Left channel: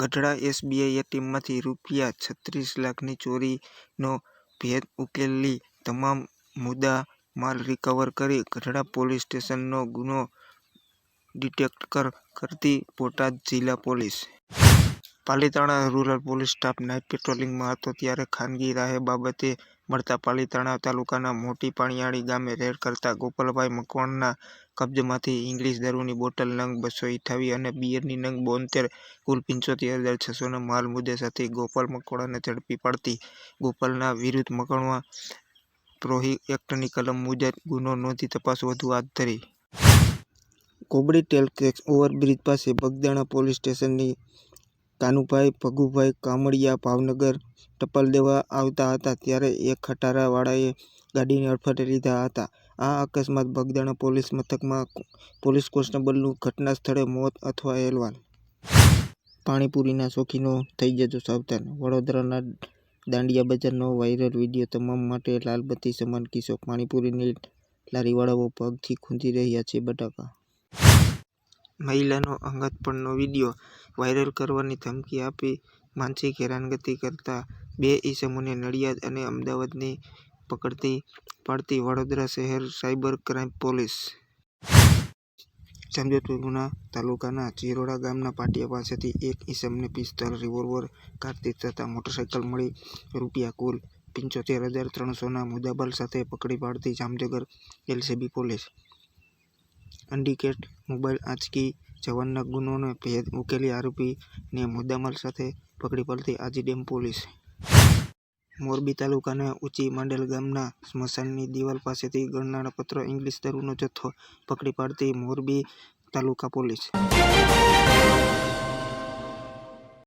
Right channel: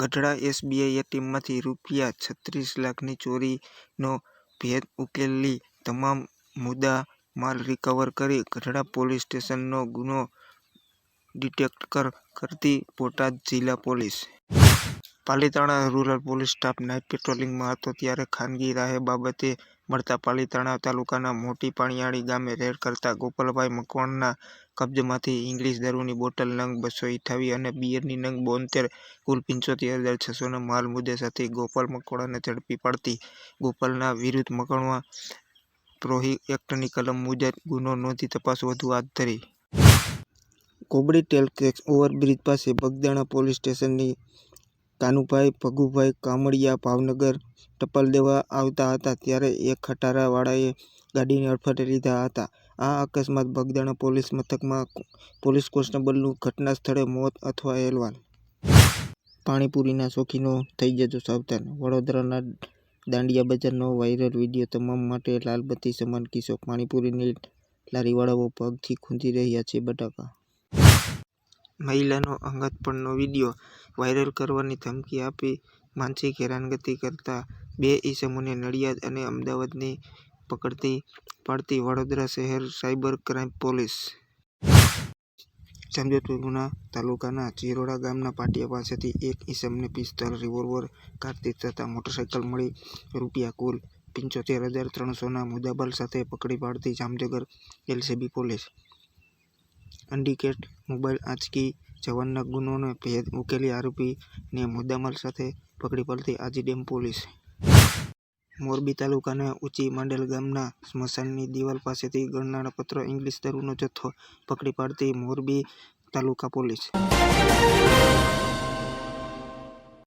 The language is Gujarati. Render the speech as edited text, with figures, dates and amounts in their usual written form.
ગઢડા એસબીઆઈ એટીએમમાંથી રૂપિયા 36 લાખની ચોરીનો ભેદ ઉકેલી તમામ મુદ્દા માલ રિકવર કરી ગઢડા પોલીસ સ્ટેશનનો ગુનો ડિટેક્ટ કરતી બોટાદ જિલ્લા police. Palitana rural police staff night પેટ્રોલિંગમાં હતો ત્યારે ખાનગી રાહે બાબતે મળતા પાલિતાણા તાલુકાના મોટી પાણીયાળી ગામે રેડ કરતા ગોપાલભાઈ મકવાણના કબ્જામાંથી ઇંગ્લિશ દારૂની બોટલ નંગ 228 અને બિયરની નંગ 72 કુલ 75,600ના માલ મુદ્દે સાથે ગોપાલ મકવાણાને ઝડપી પાડતી ગોપાલના વિરુદ્ધ મકવાણા પ્રોહી એક્ટની કલમ મુજબ ગુનો નોંધી તપાસ વધુ હાથ ધરી. કોબડી ટેલટેક્સ ઓવરબ્રિજ પાસે બગદાણા પોલીસ સ્ટેશનની કાનુભાઈ ભગુભાઈ કામળિયા ભાવનગર ટપાલ દેવા આવતા હતા ત્યારે એક ખટારા વાળાએ ગાડીને અડફેટે લીધા હતા. આ અકસ્માત બગદાણા પોલીસ મથકમાં પોલીસ કોન્સ્ટેબલનું ઘટના સ્થળે મોત અથવા અહેવાલ. પાણીપુરીના શોખીનો થઈ જજો સાવધાન. વડોદરાના દાંડિયા બજારનો વાયરલ વિડીયો તમામ માટે લાલબત્તી સમાન કિસ્સો. પાણીપુરીની લારીવાળાઓ પગથી ખૂંદી રહ્યા છે બટાકા. મહિલાનો અંગતપણનો વિડીયો વાયરલ કરવાની ધમકી આપી માનસિક હેરાનગતિ કરતા 2 ઈસમોને નડિયાદ અને અમદાવાદની પકડતી પાડતી વડોદરા શહેર સાયબર ક્રાઇમ પોલીસ. જામજોધપુરના તાલુકાના ચિરોડા ગામના પાટિયા પાસેથી એક ઈસમને પિસ્તોલ, રિવોલ્વર, કારતૂસ તથા મોટરસાયકલ મળી રૂપિયા કુલ 75,300ના મુદ્દામાલ સાથે પકડી પાડતી Jamnagar LCB police. Undetect mobile આંચકી જવાનના ગુનોનો ભેદ ઉકેલી આરોપીને મુદ્દામાલ સાથે પકડી પાડતી આજીડેમ પોલીસ. મોરબી તાલુકાના ઊંચી માંડલ ગામના સ્મશાનની દિવાલ પાસેથી ગણનાપત્ર ઇંગ્લિશ દારૂનો જથ્થો પકડી પાડતી મોરબી તાલુકા પોલીસ.